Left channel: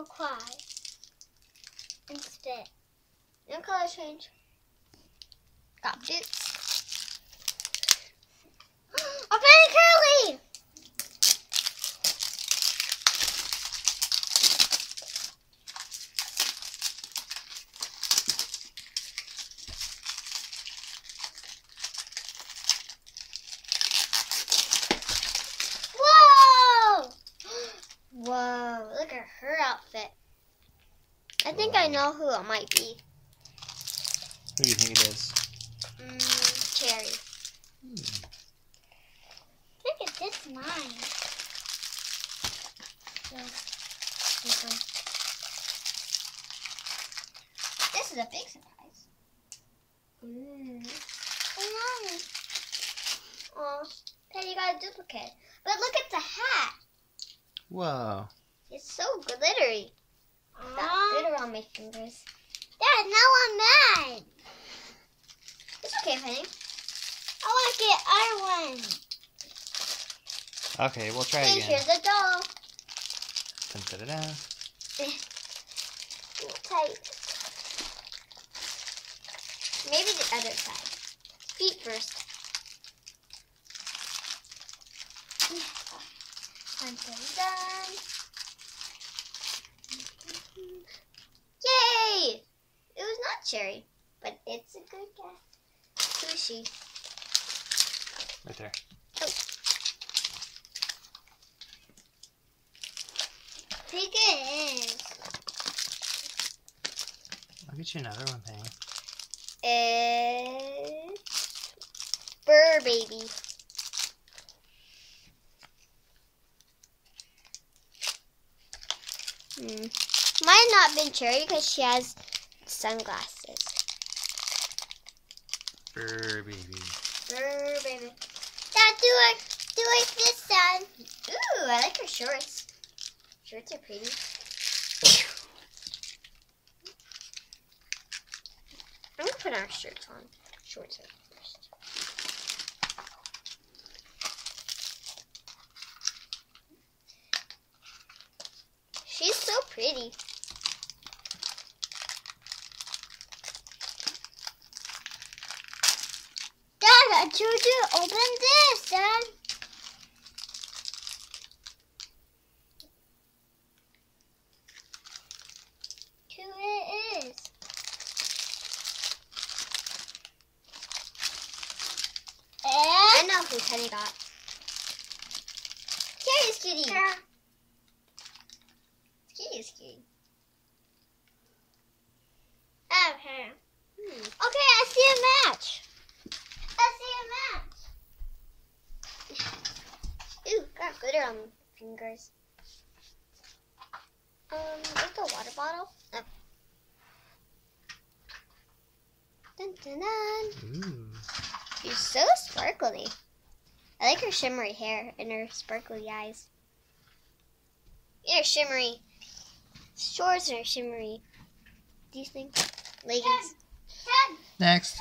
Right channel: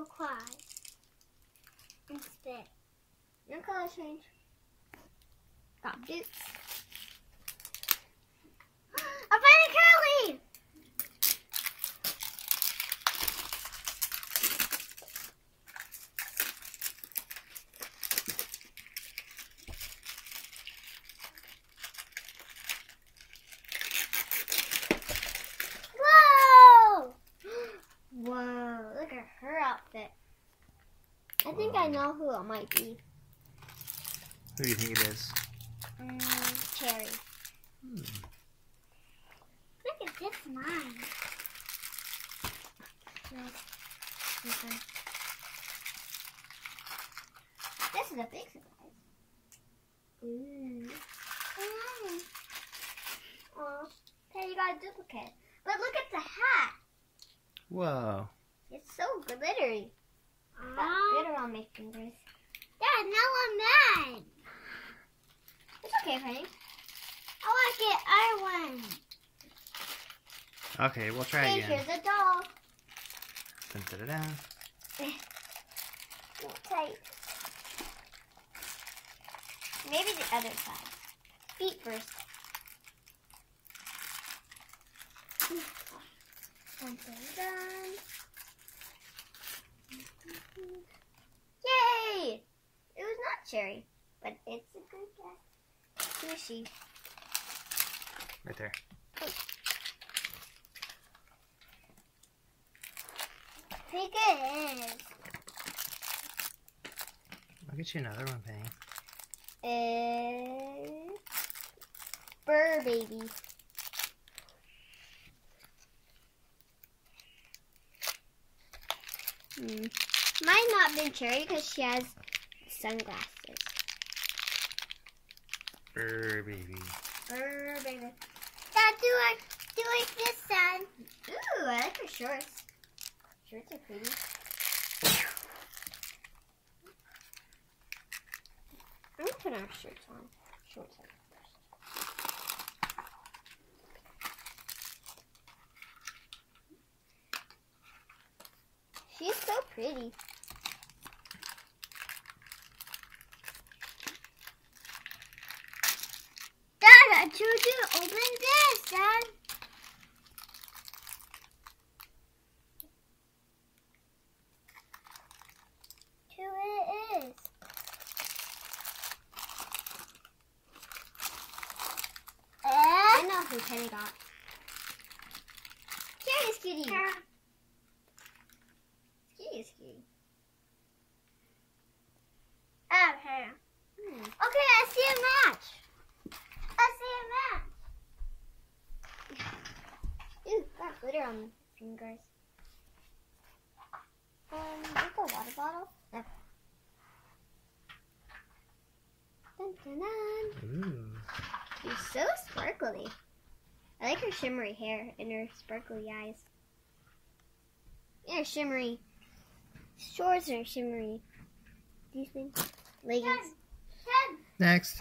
turquoise instead. No color change. Got boots. I'm very curly. Whoa, look at her outfit. I think I know who it might be. Who do you think it is? Cherry. Look at this mine. No, this one. This is a big surprise. Ooh. Oh, Teddy got a duplicate. But look at the hat. Whoa. It's so glittery. Got glitter on my fingers. Dad, now I'm mad. It's okay, honey. I want to get our one. Okay, we'll try Hey, again. here's a doll. Put it down. Tight. Maybe the other side. Feet first. Done. Yay! It was not cherry, but it's a good guess. Who is she? Right there. Oh. I think it is. I'll get you another one, Penny. It's Burr Baby. Might not been cherry because she has sunglasses. Burr Baby. Burr Baby. Dad, do it this side. Ooh, I like her shorts. Shorts are pretty. I'm gonna put our shirts on. Shorts are first. She's so pretty. Dad, I told you to open this, Dad. Who it is? I know who Teddy got. Cherry's cutie. Yeah. Cutie. Okay. Okay, I see a match. Ooh, got glitter on my fingers. Like a water bottle. No. Dun, dun, dun. Ooh. She's so sparkly. I like her shimmery hair and her sparkly eyes. Her shimmery shorts are shimmery. These things, leggings. Next.